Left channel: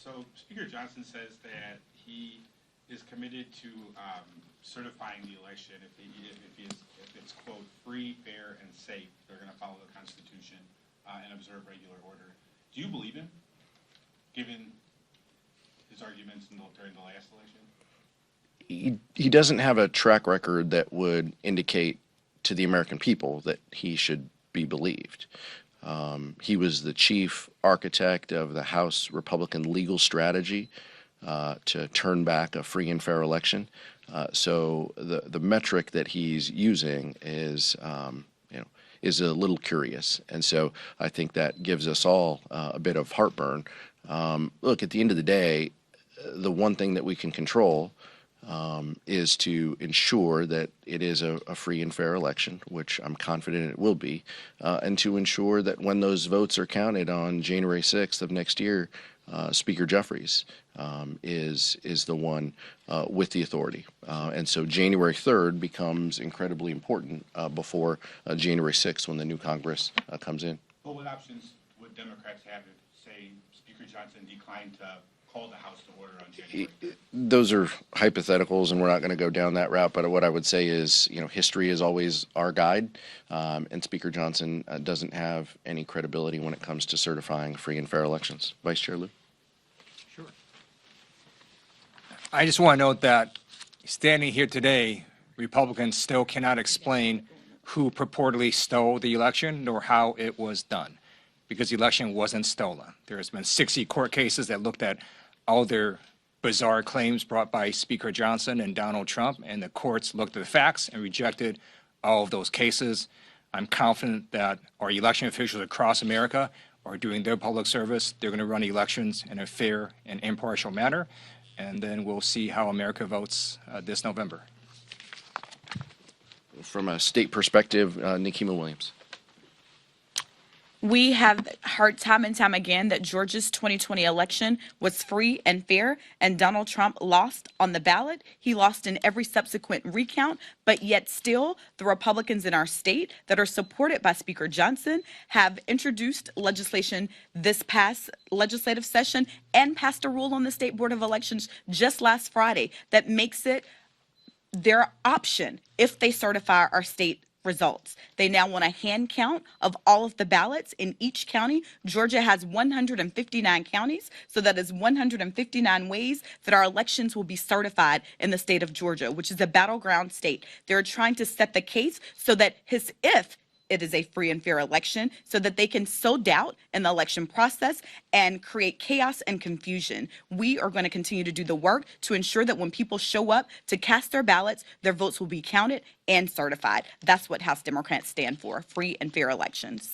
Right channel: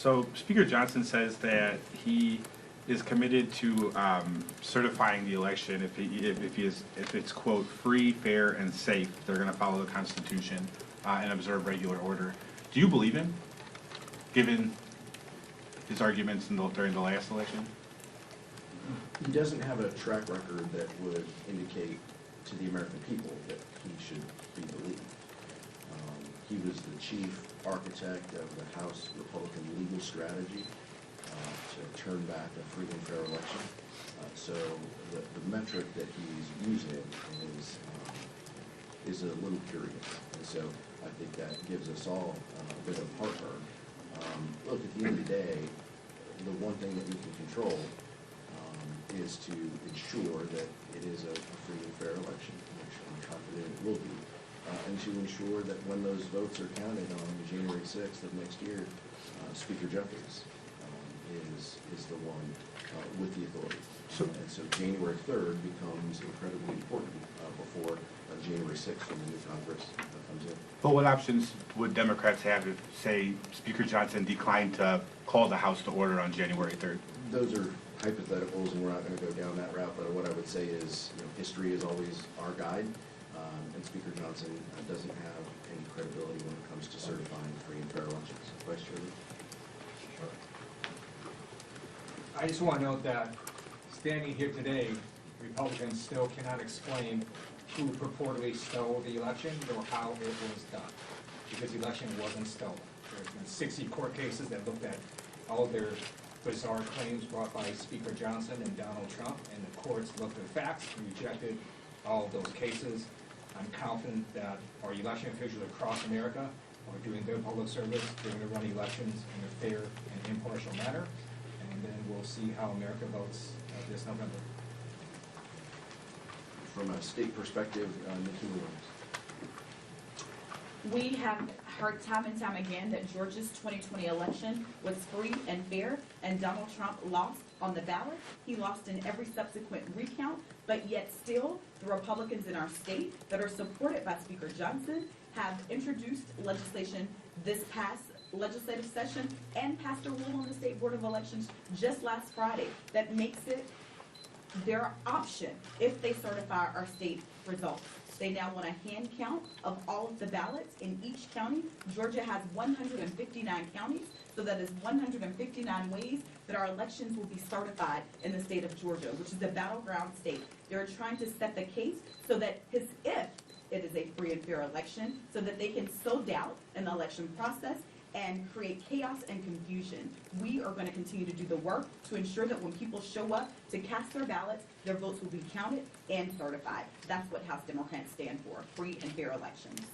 So Speaker Johnson says that he is committed to certifying the election if it's, quote, free, fair, and safe. They're going to follow the Constitution and observe regular order. Do you believe him, given his arguments during the last election? He doesn't have a track record that would indicate to the American people that he should be believed. He was the chief architect of the House Republican legal strategy to turn back a free and fair election. So the metric that he's using is is a little curious, and so I think that gives us all a bit of heartburn. Look, at the end of the day, the one thing that we can control is to ensure that it is a free and fair election, which I'm confident it will be, and to ensure that when those votes are counted on January 6th of next year, Speaker Jeffries is the one with the authority. And so January 3rd becomes incredibly important before January 6th when the new Congress comes in. But what options would Democrats have if, say, Speaker Johnson declined to call the House to order on January 3rd? Those are hypotheticals, and we're not going to go down that route. But what I would say is, history is always our guide, and Speaker Johnson doesn't have any credibility when it comes to certifying free and fair elections. Vice Chair Liu. Sure. I just want to note that standing here today, Republicans still cannot explain who purportedly stole the election nor how it was done, because the election wasn't stolen. There's been 60 court cases that looked at all their bizarre claims brought by Speaker Johnson and Donald Trump, and the courts looked at the facts and rejected all of those cases. I'm confident that our election officials across America are doing their public service. They're going to run elections in a fair and impartial manner, and then we'll see how America votes this November. From a state perspective, Nikema Williams. We have heard time and time again that Georgia's 2020 election was free and fair, and Donald Trump lost on the ballot. He lost in every subsequent recount, but yet still the Republicans in our state that are supported by Speaker Johnson have introduced legislation this past legislative session and passed a rule on the State Board of Elections just last Friday that makes it their option if they certify our state results. They now want a hand count of all of the ballots in each county. Georgia has 159 counties, so that is 159 ways that our elections will be certified in the state of Georgia, which is a battleground state. They're trying to set the case so that if it is a free and fair election, so that they can sow doubt in the election process and create chaos and confusion. We are going to continue to do the work to ensure that when people show up to cast their ballots, their votes will be counted and certified. That's what House Democrats stand for, free and fair elections.